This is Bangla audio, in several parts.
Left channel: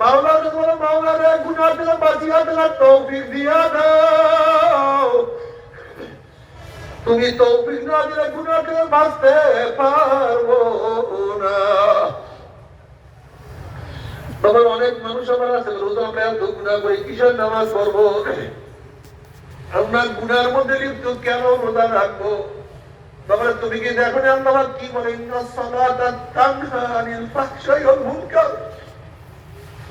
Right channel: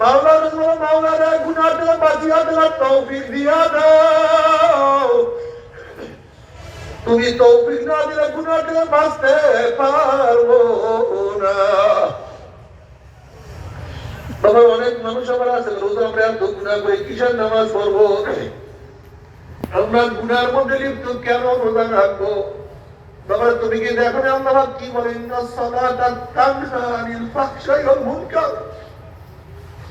মাওলা রে গুনাহ থেকে দেওয়ার তৌফিক দিয়া দাও। তুমি তৌফিক না দিলে থেকে বাঁচতে পারব না। বাবা অনেক মানুষ আমার আছে, রোজ আমরা এত গুণা করি, কিসের নামাজ পড়ব? আমরা গুনার মধ্যে লিপ্ত কেন রোজা রাখব? বাবা, তুমি কি দেখো না কি বলে, ইন্না সালাতা তানহা আনিল ফাহশাই ওয়াল মুনকার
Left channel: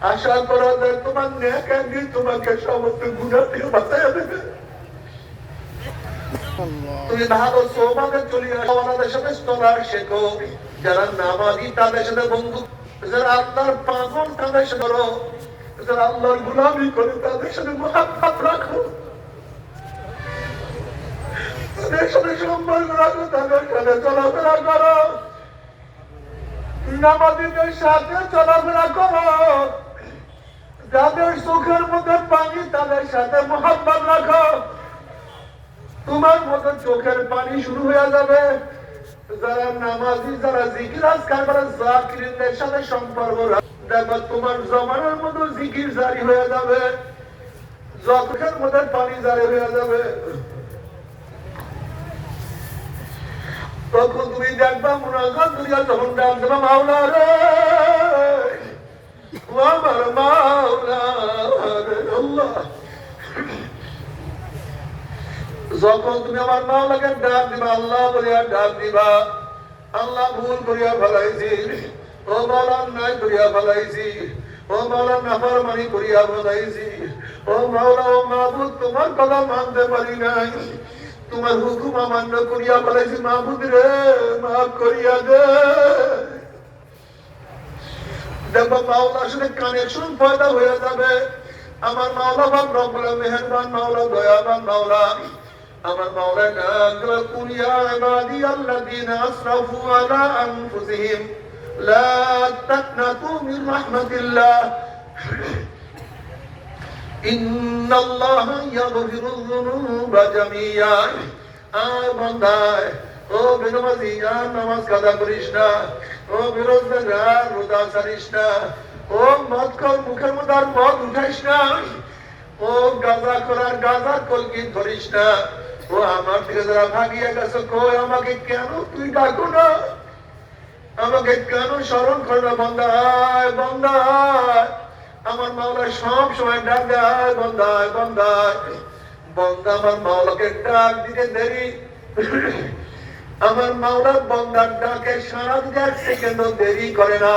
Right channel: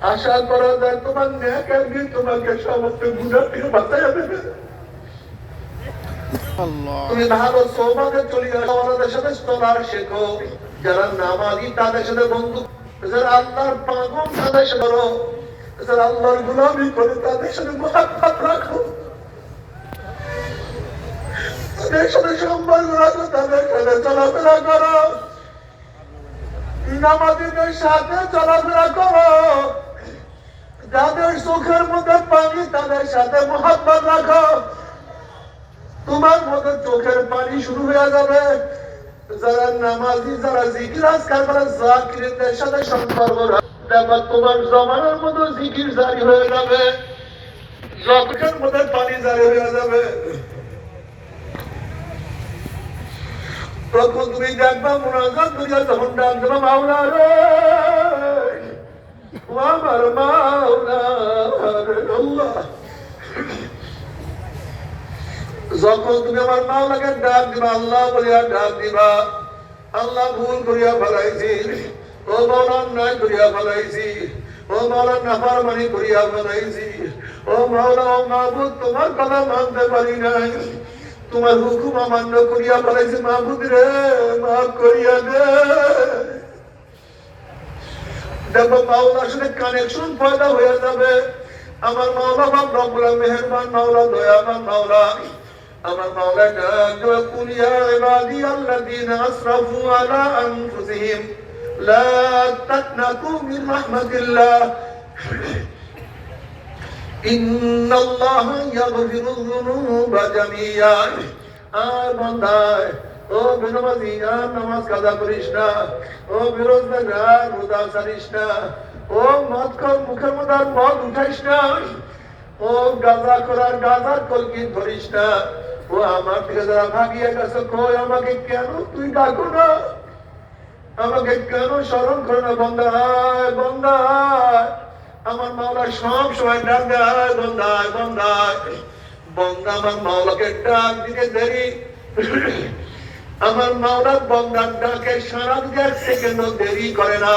আশা করো যে তোমার নেকের দিয়ে তোমাকে সমস্ত গুনাহ থেকে বাঁচাইয়া দেবে। তুমি ভালো সোমাতে চলে আসো আমাদের সাথে চলার শেখো যারা নামাজি, তাদের সাথে বন্ধু। যারা আল্লাহর তাদের সাথে যারা আল্লাহর গুলামি করে, তাদের সাথে রাখো। তাদের সাথে সম্পর্ক রাখো, তাদের সাথে চলাফেরা করো। নামাজিদের সাথে চলাফেরা করো। যাদের চোখের মধ্যে পানি, তাদের সাথে মহাত্মাত রাখো। তোমার মধ্যে চোখের পানি শুরু হয়ে যাবে। যারা নামাজি, যারা জিকির, আজকাল করে জাকিরদের সাথে সম্পর্ক রাখ- তোমার জমানার মতো জিকির জারি হয়ে যাবে। চোখের মধ্যে পানি জারি হয়ে যাবে। তখন তুমি দেখবা মুনাজাত দুনিয়া তখন ডাক দেবা মাওলা রে! মাওলা রে আল্লাহ। যখন তুমি আমার মাওলাকে ডাক দিবা, আল্লাহ বলিয়া ডাক দিবা, আল্লাহ ভুল করিয়া ফেলাইছি। ও মাওলা, অন্যায় করিয়া ফেলাইছি। ও মাওলা, নাফরমানি করিয়া ফেলাইছি। ও মাওলা, ও মাহবুদ তোমার কথা মানতে পারি নাই। তোমার হুকুম অমান্য করিয়া ফেলাইছি মাহবুদ রে, মাফ করিয়া দে। দেখো মাওলার সাথে কানেকশন পয়দা হয়ে যাবে। আমার মাওলা বাপ রব্বুল মেহেরবান মাওলা, দয়াবান মাওলা। আমার মাওলা ডাক কুল ইয়া ইবাদি আল্লাযীনা আসরাফু আলা আনফুসিহিম। লা তাকনাতু মিন রাহমাতিল্লাহ। ইন্নাল্লাহা ইয়াগফিরুয যুনুবা জামিয়া। আর বান্দায় ও বিনবাজি আর নামাজ কাজা করিস না। ও বিরোধ আর ছাড়িস না। ও মদ কর মুখের মধ্যে মদ উঠাইস না। ও গাঁজা করার গাঁজার কলকি ধরিস না। ও আমার থেকে যারা ভাগিয়ে গেছে, কই আমাকে কেন তুই ডাকো না? আমাকে কেন স্মরণ করে না বন্দায় বন্দায় আমার মাওলা সব সময় ডাক দেয় বন্দায় বন্দায় বন্দা আমার মাওলাকে ডাক দিতে দেরি। আমার মাওলার বন্দার ডাকে সারা এক সেকেন্ড দেরি করে না।